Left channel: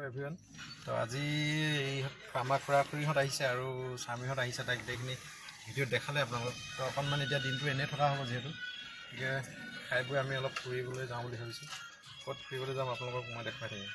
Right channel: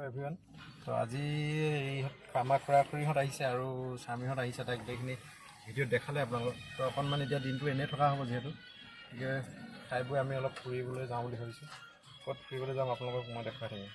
Hello' everyone. তো আজি আমাৰ খুৰা-খুৰীহঁত আহিছে আৰু স্বামীহঁত আহিছে। তাইক গোটেইখিনি ভিডিঅ'ত দেখালে আপোনালোকক। তো অকণমান এতিয়া দিনটো এনেই থকা হ'ব যিহেতু, গতিকে খাই বৈ আমি অলপ ফুৰিবলৈ যাওঁ বুলি ভাবিছোঁ। ক'ত ফুৰিবলৈ যাম আপোনালোকক মই দেখাই থাকিম।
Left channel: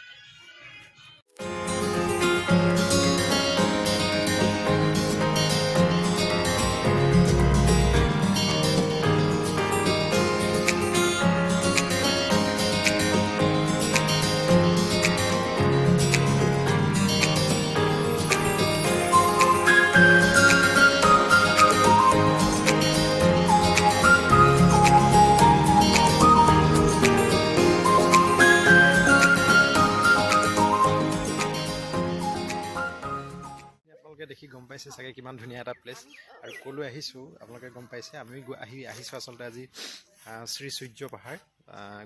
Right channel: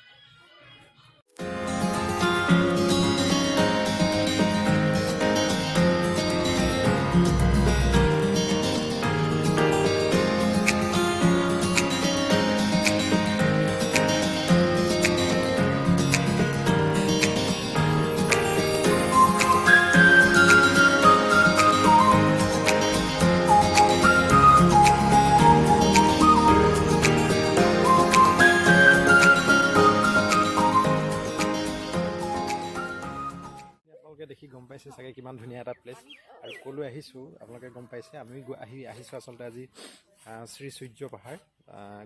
আপোনালোকে দেখি গম পাইছে চাগে কিমান ধুনীয়া এটা প্লেচ আৰু ক'লৈ আহিছোঁ আপোনালোকে গম পাইছে। আমি আহিছোঁ আচলতে আজি শ্ৰী সূৰ্য পাহাৰ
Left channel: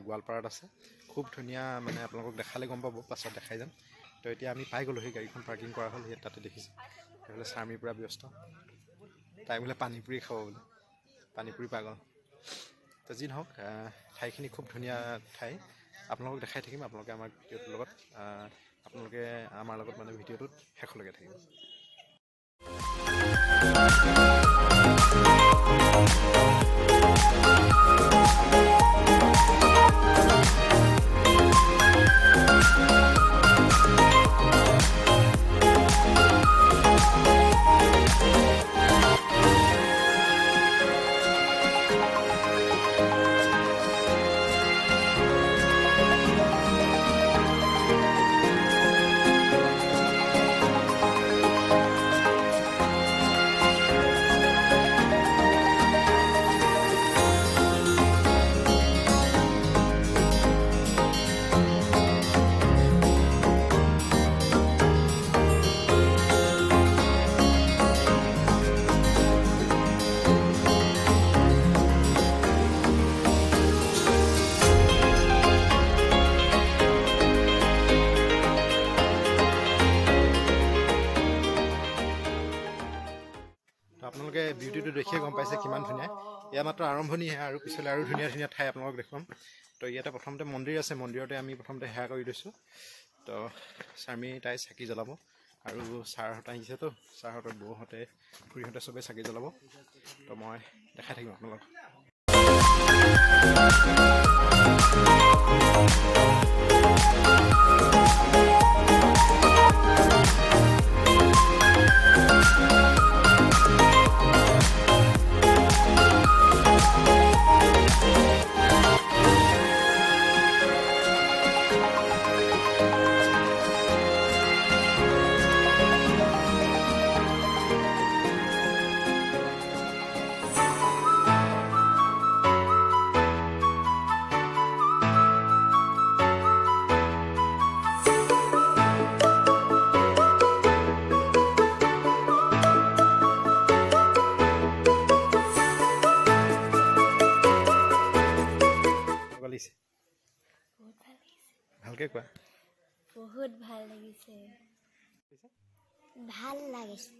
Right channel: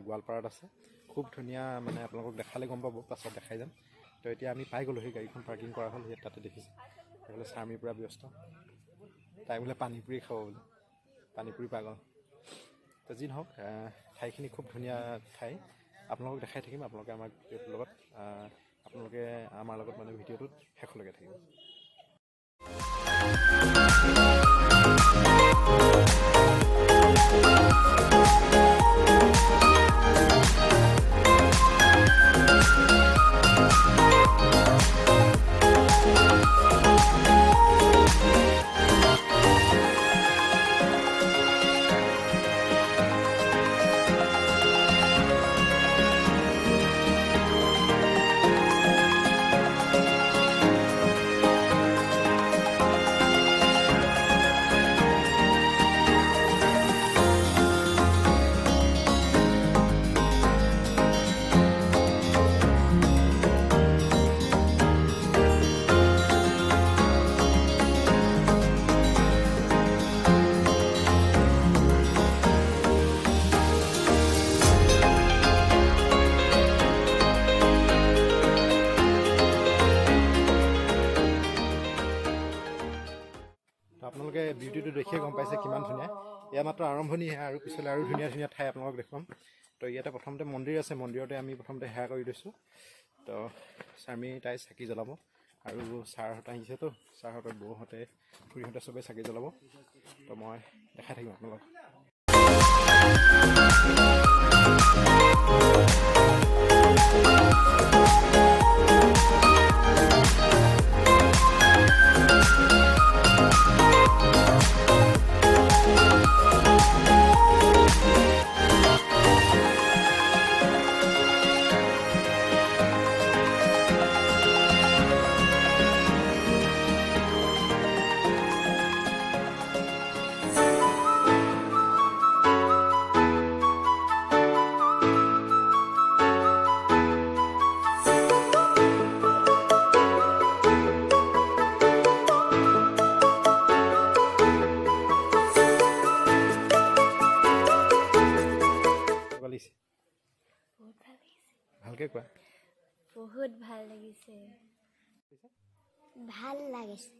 গোৱালপাৰাত আছে। খুব ধুনীয়া, মানে আপোনালোকক দেখালে গম পাব, পাছত দেখাই যাম। তো এতিয়া আমি পাই গ'লোঁ, সেই গাড়ীখন পাৰ্কিং কৰা হ'ল, সেই তাতে দেখিছোঁ। সেইফালে স্বামীৰ পৰা ব্যস্ত, তাই বোলে পানীপুৰি খাব বোলে, পানীপুৰি পাগল। তো যি নহওক, ঠাইখিনি খুব ধুনীয়া ঠাই, আপোনালোকক দেখাই থাকিম। আপোনালোকে আমাৰ ভিডিঅ'টোৰ লগত আমাৰ লগত মানে ভিডিঅ'টোত শেষলৈকে থাকিব। আপোনালোকে বিউটিটো দেখিয়ে গম পাইছে কিমান ধুনীয়া। এয়া মাত্ৰ আৰম্ভণিহে, আৰু পিছলৈ আৰু ধুনীয়া ধুনীয়া ঠাই আপোনালোকক দেখুৱাম। তো ইয়াতে প্ৰথমতে মন্দিৰ আছে, মন্দিৰতে আমি প্ৰথমতে সেৱা কৰি দিছোঁ। তো স্বামী তাই চাকি জ্বলাব, আৰু ছাৰহঁত আহিছেতো, ছাৰহঁতৰ বৌহঁতে খুৰীহঁতে চবেই চাকি জ্বলাব। তো মই দেখাই থাকিম আপোনালোকক। ভালকে কোৱা। বহুত ভাল লাগিছে, ভাল লাগিছে।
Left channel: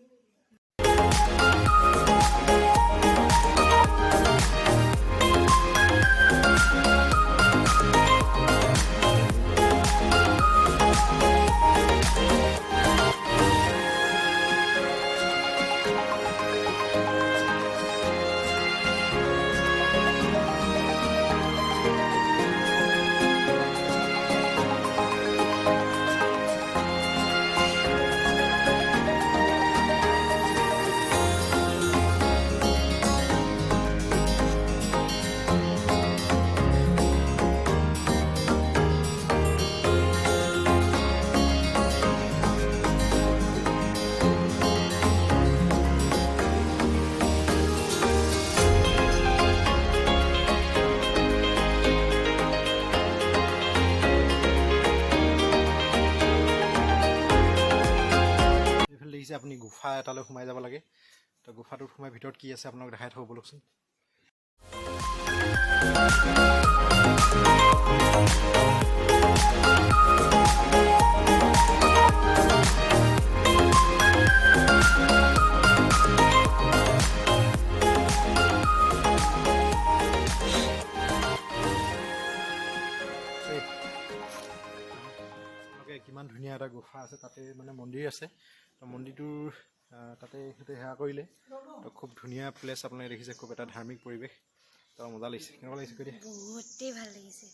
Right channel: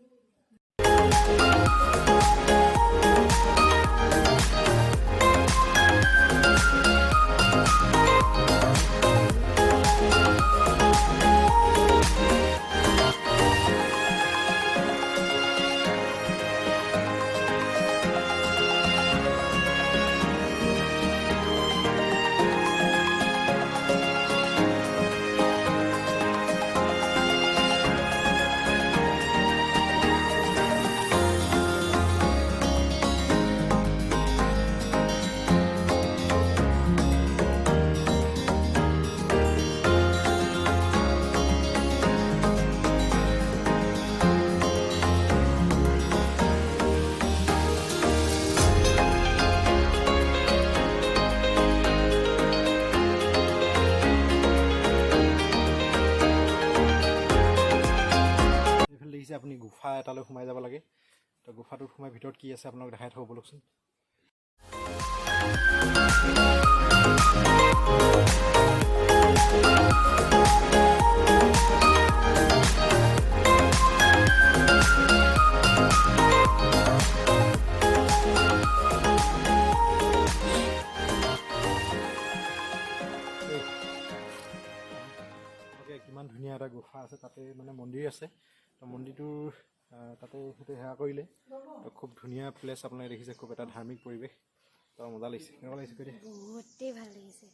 আপুনি গুফা এটালৈ সোমাই যাব লাগে। তো গুফাটোত সোমাই ভিতৰত কি আছে আপোনাক দেখাই থ'ব বলকচোন। কিমান ধুনীয়া ধুনীয়া এটা গুফা আছে, তাতে মানে মন্দিৰ আছে। তো মন্দিৰটোৰ তাতে সেইটো সেৱা কৰিলে। তো খুব ধুনীয়া প্লেচ, আপোনালোকে দেখিছে, খুব এটা ধাৰ্মিক পৰিৱেশ। তো মজা লাগিছে। কেনেকুৱা লাগিছে কৈ দিয়া? বহুতেই ভাল লাগিছে।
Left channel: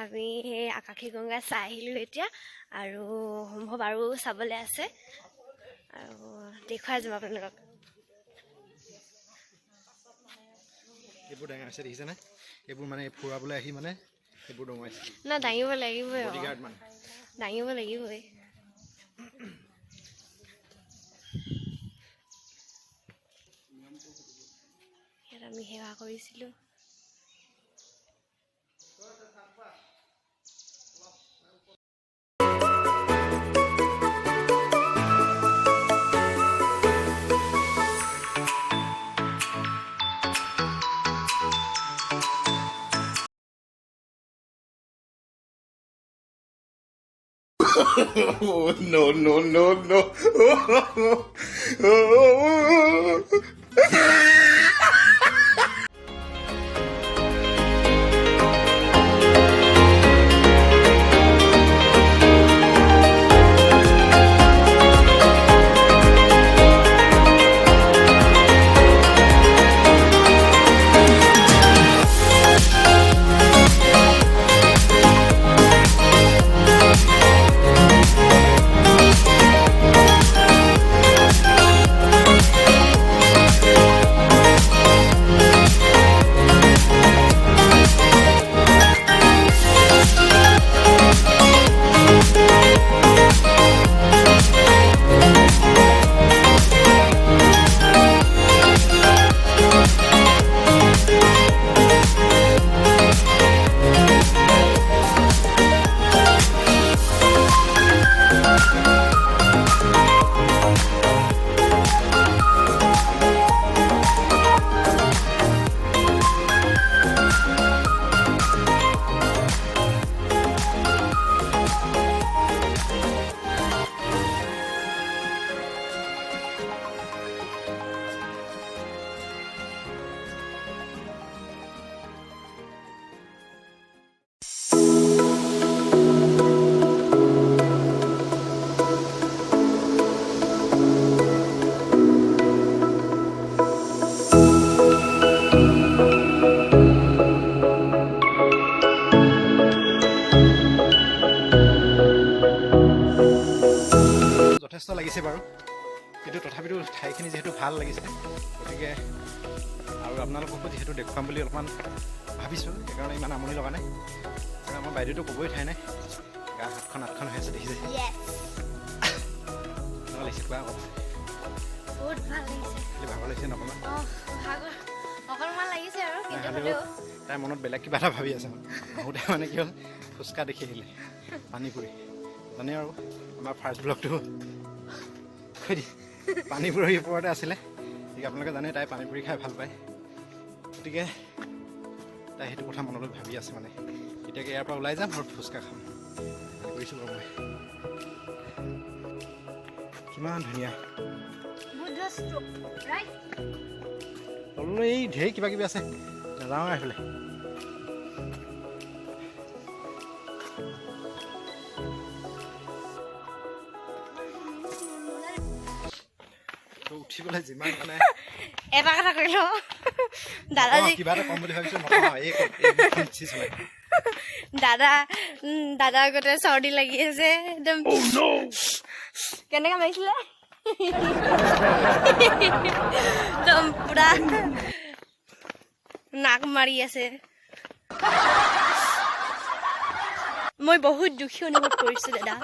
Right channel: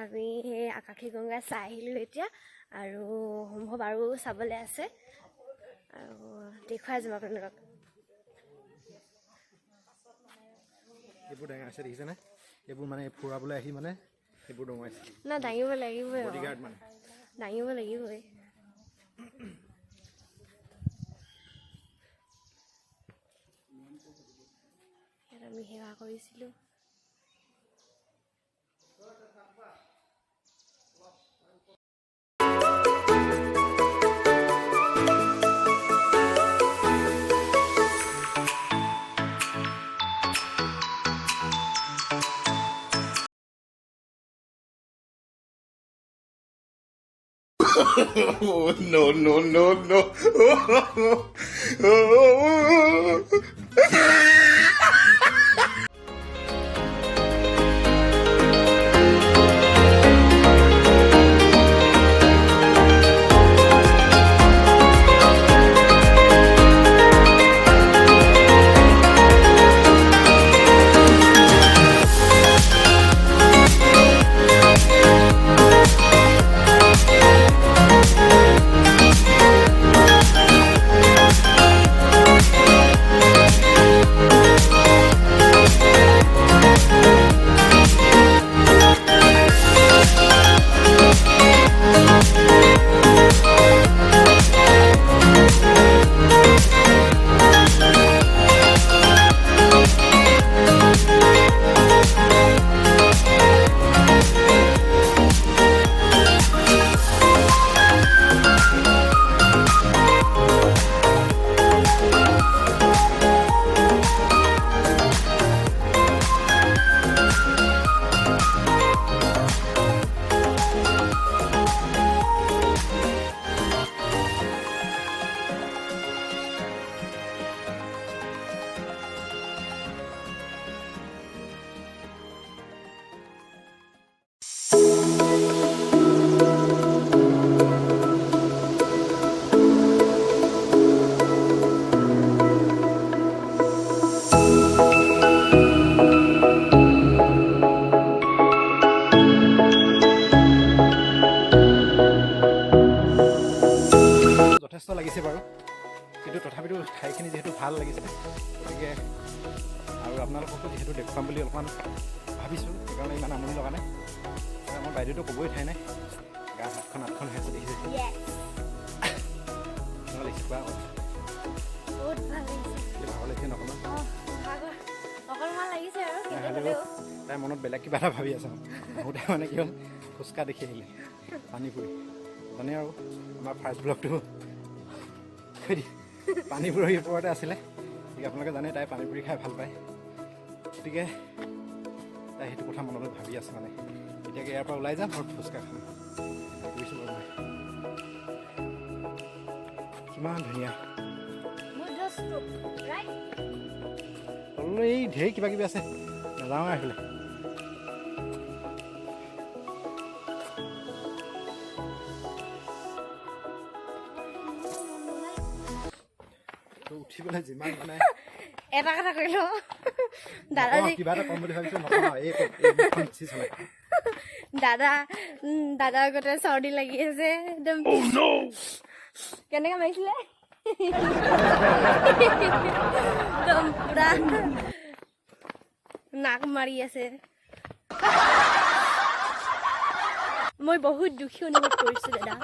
আমি সেই আকাশী গংগা চাই আহিলোঁ এতিয়া, আৰু সম্ভৱ আৰু চাবলৈ আছে, আৰু দেখুৱাই যাম আপোনালোকক। এইবোৰ ডাঙাইছে দেখিছেনে? এইবোৰ মানে ফুৰাবলৈ আহি মানে এইবোৰ ডঙাইছে না, দাঙিব লাগিবই, বডিগাৰ্ড মানে দাঙিব লাগিবই। ইয়াত আমি সেৱা কৰিছিলোঁ। Oh, no, no, no, no. যথেষ্ট লাগিছে বাৰু, কিন্তু তথাপিতো ঠাইখিনি যিহেতু ভাল লাগিছে, গতিকে আৰু আপোনালোককো যিহেতু দেখুৱাম বুলি অলপমান ভাবিছোঁ, সেইকাৰণে ইমান আমনি লগা নাই। কাৰণ আমাৰ বাইদেউতো ক'বই ঠাই নাই, গা হাতখন আঠখন হৈ আছে দেখিছে। কেনেকুৱা লাগিছে কোৱা? বহুত ভাল লাগিছে। খালি ভাগৰ লাগিছে নকমান, অকণমান লাগিছে আৰু হ'লেও তাই মনত বেলেগ কিবা এটা ভাবি আছে। আহোঁতে মানে কি হ'ল, ফুচকা দেখি আহিলে, পানী পুৰি। জানে আৰু আমাৰ ফাৰ্ষ্ট ব্লগটো পানীপুৰিৰ ওপৰতে আছিলে, গতিকে আপোনালোকে জানে তাই পানীপুৰি খাই ভাল পায়। গতিকে তাই সেইটো কথা মনলৈ ভাবি আছে মানে, এতিয়াকে ইয়াৰ পৰা ওলাই যাম আৰু ফুচকা খাম কৰিছোঁ বাৰু মই। কিমান ধুনীয়া, তললৈ এই ঢেৰ কিবা কিবি আছে, নাযাওঁ আৰু এইফালে। উঠিবলৈ যিমান মানে এটা কথা কৈ লওঁ, দাদা কিবা এটা কম বুলি ভাবিছোঁ, দাদা আগতে চৰ্দি লাগি আছে একদম। কেনেকে মাৰিছিলে একদম পুৰা নাক মাৰি আছে। মই বহুত দুখী অনুভৱ কৰিছোঁ দাদা,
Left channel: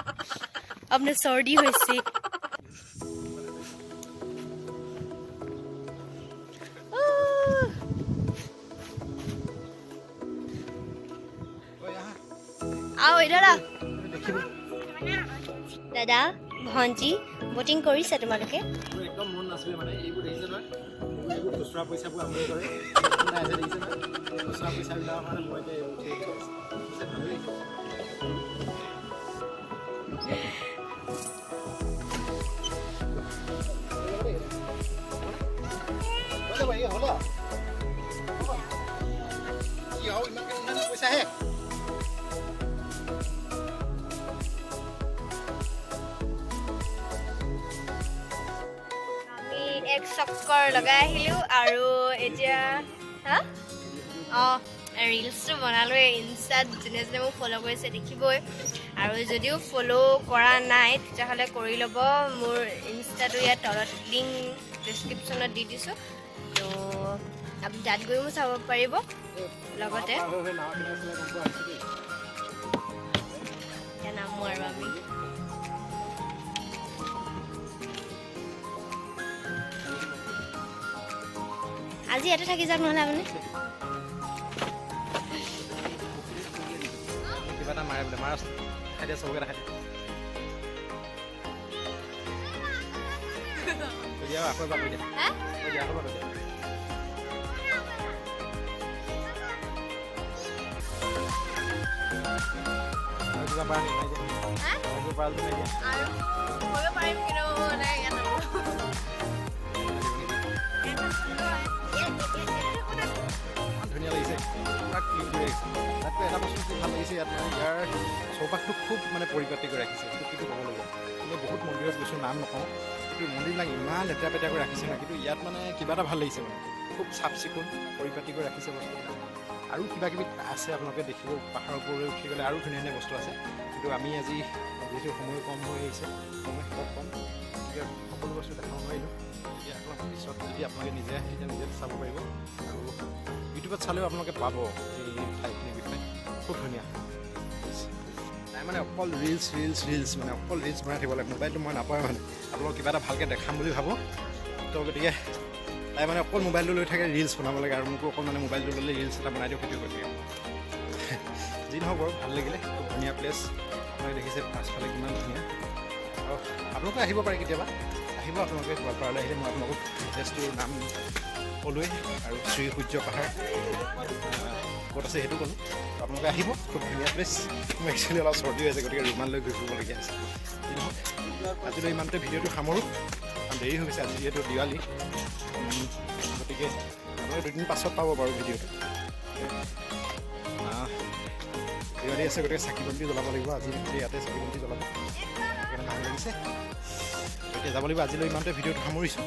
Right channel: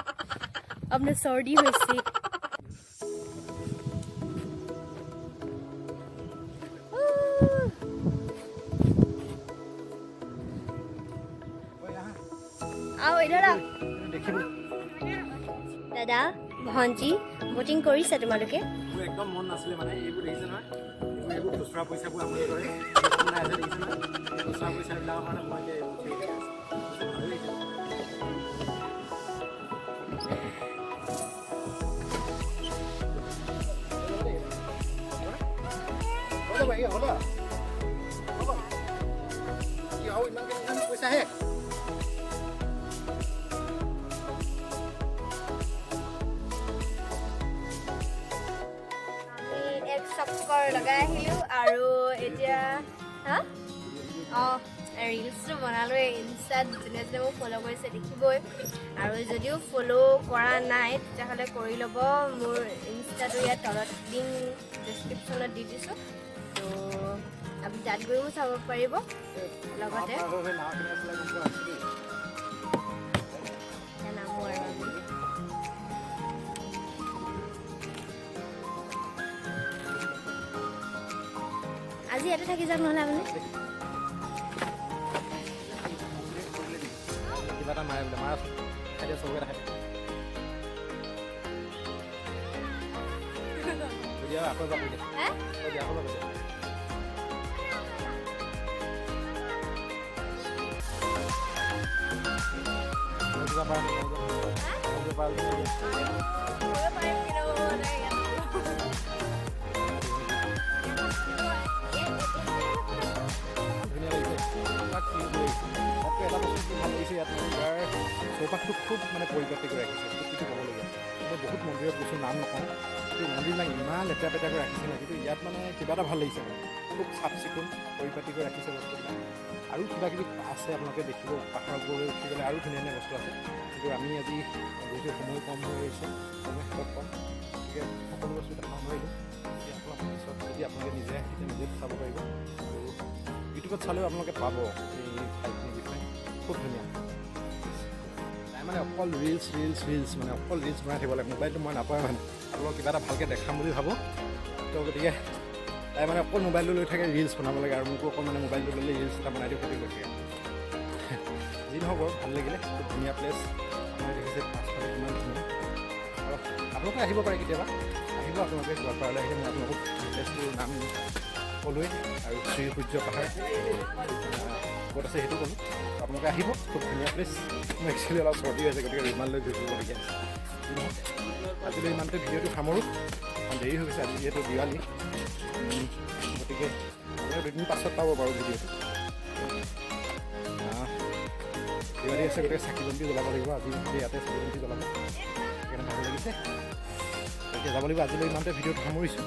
আপোনাৰ চৰ্দি হৈছে। দাদা ভণ্টি বটিং কৰিছে তোমালোকে? মোৰ একদম মন নাছিলে মানে, এইবোৰ দেখিছে নহয়, এইবোৰ খুচুৰা পইচাবোৰ আমনি কৰে, দেখিছে নহয়, এই খুচুৰা পইচাবিলাকৰ কাৰণে মই এতিয়া এইবোৰ উঠি আছোঁ, ভালেই লাগিছে। পইচা হে এক চক্কৰ লগাই আহিলোঁ আৰু এতিয়া হা অঁ ৰিলচটো বনালোৱে ইনষ্টাত যোনে যোনে মোক ফ'ল' কৰিছে দেখিবই আৰু যদিও ফ'ল' কৰা নাই তেতিয়াহ'লে কৰি ল'ব মোৰ ইনষ্টাটো ইয়াত তলত লিংক ডেছক্ৰিপশ্যনত দি দিছোঁ তো আপুনি তাত গৈও চাব পাৰিব লগতে এতিয়া নামো আৰু আমি আজি ইয়াতে থাকি যাওক নহ'লে আপুনি কিবা এটা মাৰে বোলে মাৰ খাই দিয়া চবকে দেখাই দিয়া আকৌ এবাৰ কৈ দিয়া আকৌ এবাৰ কৈ দিয়া কিবা পাৰা পাৰিম কিন্তু ধুনীয়া লাগিছে পুৰা ক্লিন কৰি ৰাখিছে তাতকৈ এটা বস্তু কি ভাল লাগিছে ইয়াত মানে ইয়াৰ চৌপাশটো খুব মানে পৰিপাটি কৰি ৰাখিছে সেইটো ক'বলগীয়া কিন্তু বহুত মন্দিৰত গৈছোঁ নাম নকওঁ কিন্তু মন্দিৰবিলাক ইমান লেতেৰা পেতেৰা কৰি ৰাখিছে নহয় কিন্তু ইয়াত মানে কিবা এটা ভাল লাগিছে মানে খুব চাফ চিকুণ পৰিপাটি কৰি ৰাখিছে বস্তুবিলাক আৰু কিবা কিবি আছে আপোনালোকে দেখিব পাহাৰৰ ওপৰলৈ উঠি গ'লে আৰু ধুনীয়া ধুনীয়া বস্তু আছে কিন্তু আমি আজি যিহেতু সময় কম হৈ আহিছে সময় হাতত কম গতিকে সকলো বস্তু দেখাব নোৱাৰিলোঁ গতিকে আপোনাক পিছত যদি আপোনালোকে নিজে আহে তেতিয়া নিজে চাব পাৰিব আৰু ইউটিউবত চালেও আপোনালোকে পাব এই ঠাইখিনিৰ বিষয়ে খুব ধুনীয়া তাই মানে অকল ৰিলছ মানে অকল ৰিলছ বনাই থাকিব লাগে মোবাইলটো মই নাপাওঁ মানে আপোনালোকক কিবা এটা ভালকৈ দেখাম বুলি ভাবোঁ তো গতিকে তাই মানে অকল মোবাইলটো লৈ থাকে ৰিলছ বনাব লাগে আৰু মোকো অকল মানে মোবাইলটো ল'লে ৰিলছ এটা বনাই দিওঁ সেইটো কৰি থাকে যি নহওক বাৰু ভাল লাগিলে খুব ধুনীয়া প্লেচ আপোনালোকে দেখিছে পাছফালে কিমান ধুনীয়া আৰু আপোনালোকে আহিব পাৰে কেতিয়াবা আহিব আপোনালোকে গোৱালপাৰালৈ আহিলে মই আপোনালোকক প্লেচটোৰ নাম ক'লোৱেই আৰু শ্ৰী সূৰ্য পাহাৰ ক'ত আছে সেইটো ক'লোঁ আপোনালোকে আহিব খুব ধুনীয়া প্লেচ মোৰ একচুৱেলি অলপ চৰ্দি হৈ আছে গতিকে ৰুমাল লৈ ঘূৰি ফুৰিবলগীয়া হৈছে যি নহওক আজিলৈ ইমানতে ভিডিঅ'টো সামৰোঁ কাৰণ দেৰি হৈ গৈছে আজি যিহেতু দিৱালী গতিকে আপোনালোকে দুদিন পাছত পাব বাৰু ভিডিঅ'টো দিৱালী আছে গতিকে চাকি বন্তি জ্বলাব লাগিব আজি ইয়াতে চাকি বন্তি জ্বলাব সেইকাৰণে ভাল লাগিছে এতিয়া যাব লাগিব আজিলৈ ইমানতে ভিডিঅ'টো সামৰিছোঁ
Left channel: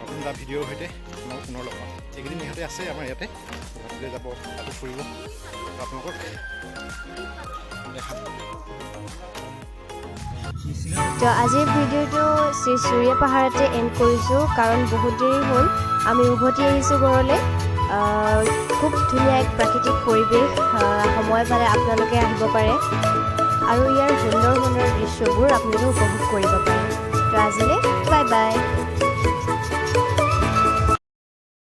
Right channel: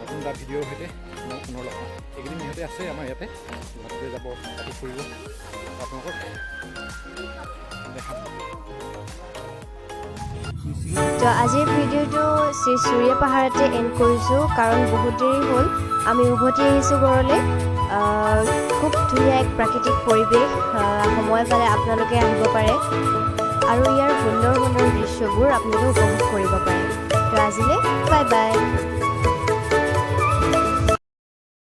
নতুন এটা ভিডিঅ'ৰ সৈতে আপোনালোক পুনৰ লগ পাম এইকেইদিন ইহঁতে আছে আমাৰ ইয়াতে গুৱাহাটীলৈ যাব তাতো ফুৰিব আপোনালোকক দেখাম তো আজিৰ ভিডিঅ'টো শ্ৰী সূৰ্য পাহাৰতে এণ্ড কৰিছোঁ কাৰণ বহুত দেৰি হ'ল আমি উভতি আহিছোঁ ঘৰলৈ খুব ধুনীয়া এক প্ৰাকৃতিক পৰিৱেশ সময় পালে আপোনালোকে আহিব পাৰে আৰু ইয়াৰ সুন্দৰ সুন্দৰ দৃশ্যবোৰ আপোনালোকে উপভোগ কৰিব পাৰে তো আজিলৈ বাই বাই